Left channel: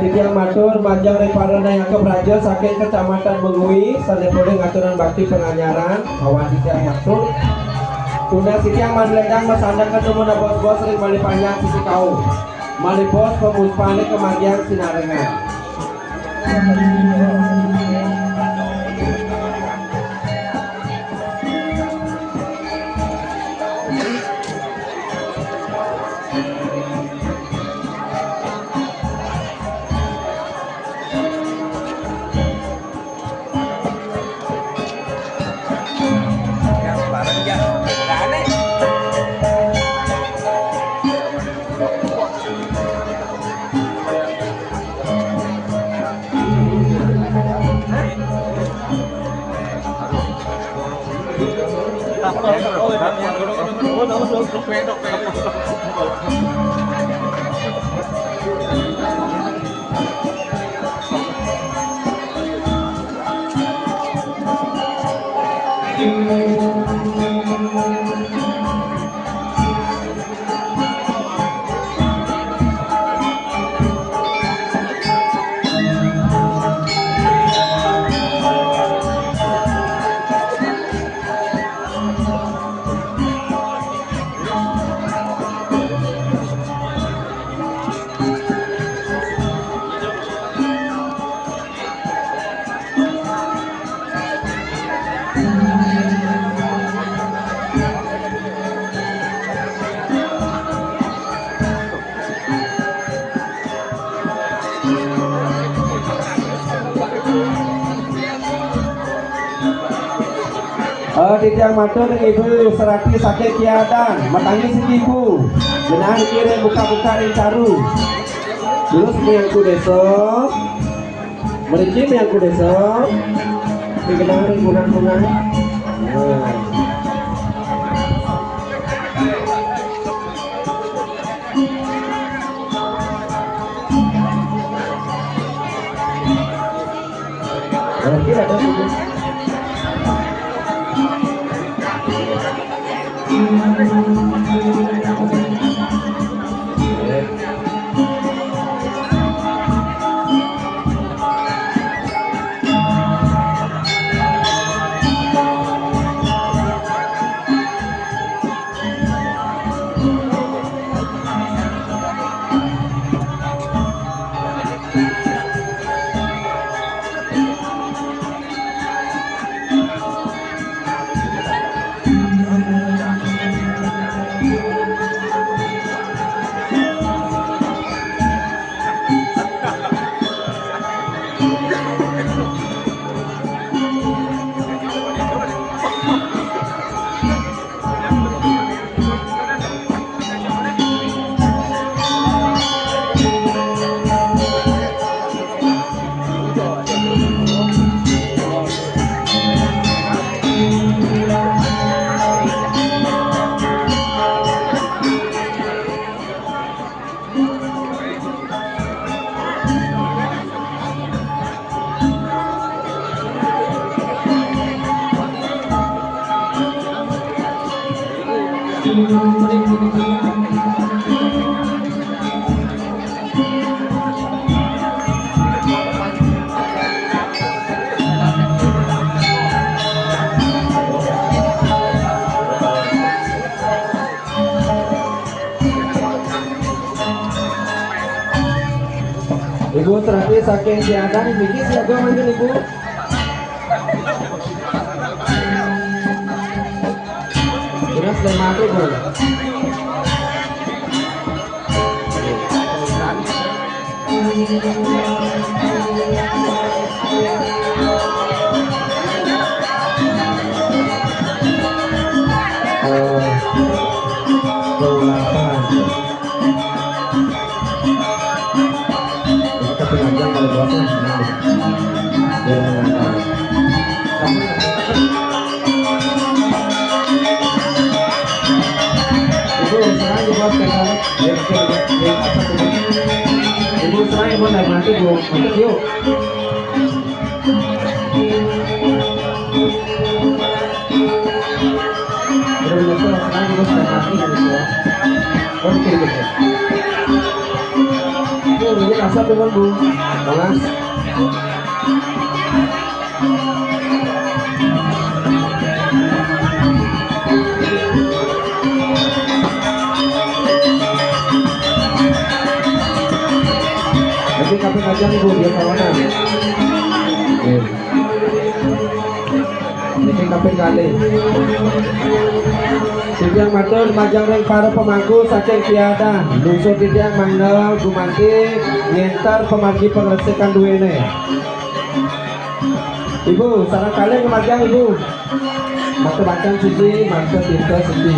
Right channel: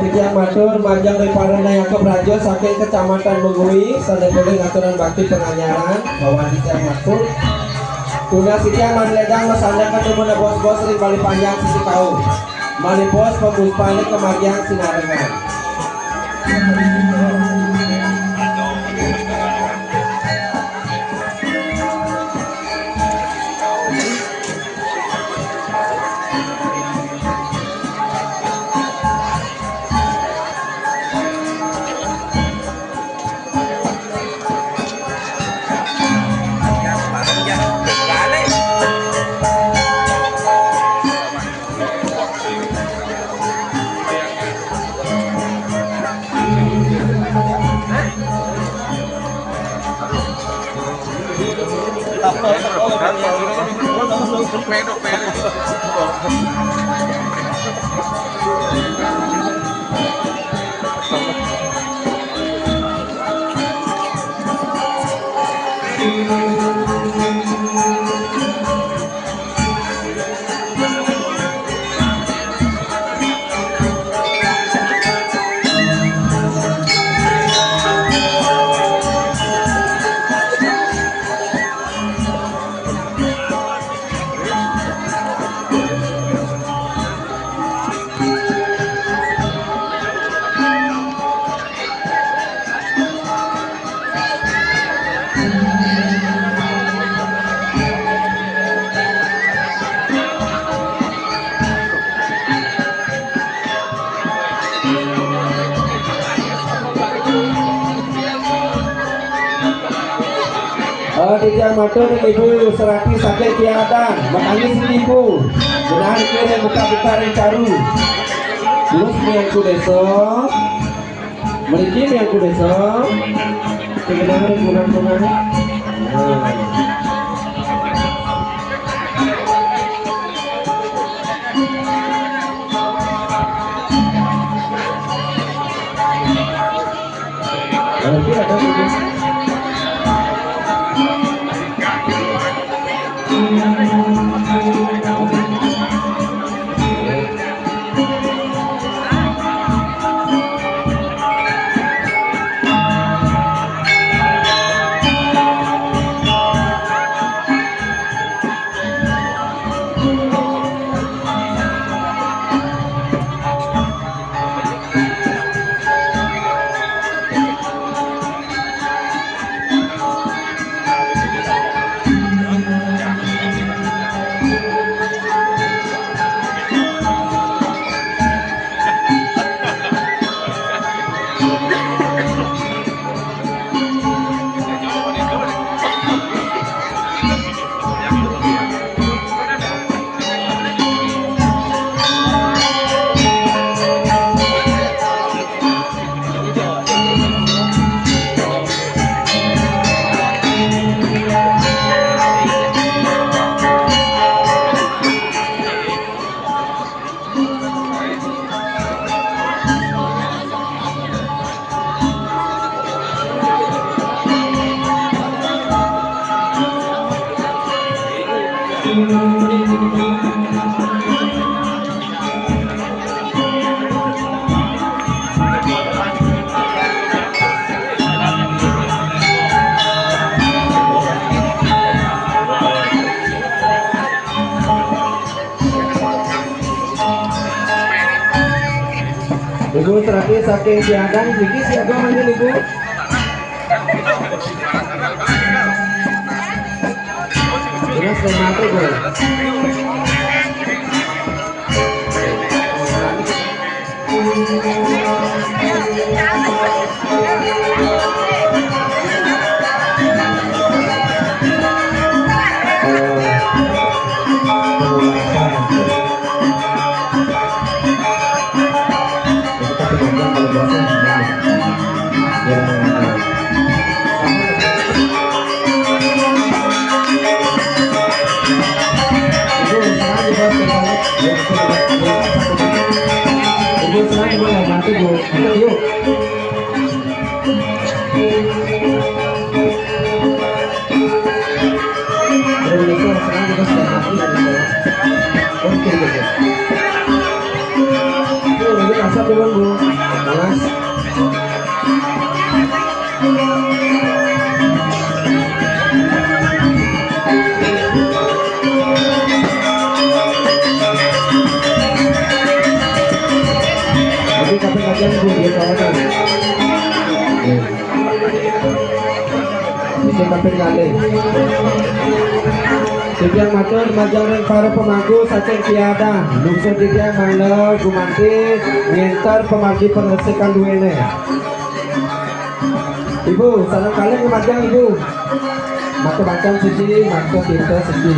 Titiang matur manjang reparana yang kebrajo saking kecamatan Megui sadaya ngaturan bakti penganyaran bahwa titiang matur tuna titiang manledang masandang ketemu bos-bos ring bali panjang sisi kau malipos pemuspane kemagian sinarengan. Titiang matur ibu serati sakit tiadan matangis ibu jenengan kirim buka-buka ring caru terus miangku desa merinci miangku desa dikenang ring kunang-kunang. Ibu terapi saking siadan begini siapa mungkin ibu? Ini sudah mati bu. Ibu saya ibu nggak mati bu, yuk. Dari itu sekarang kita sudah mati gitu. Oke gitu. turun Bu. Awas. Tapi kaping aja Bu dia kawanan. Ini kaping kali. Tidiang matur majang ring para pemangku saking tiada lungsur tidiang mandel gumanti nyentar pemargi pengresikan duwene. Ibu sareng kalian kemajang Ibu. Matur bacang sisi matur tinta sisi.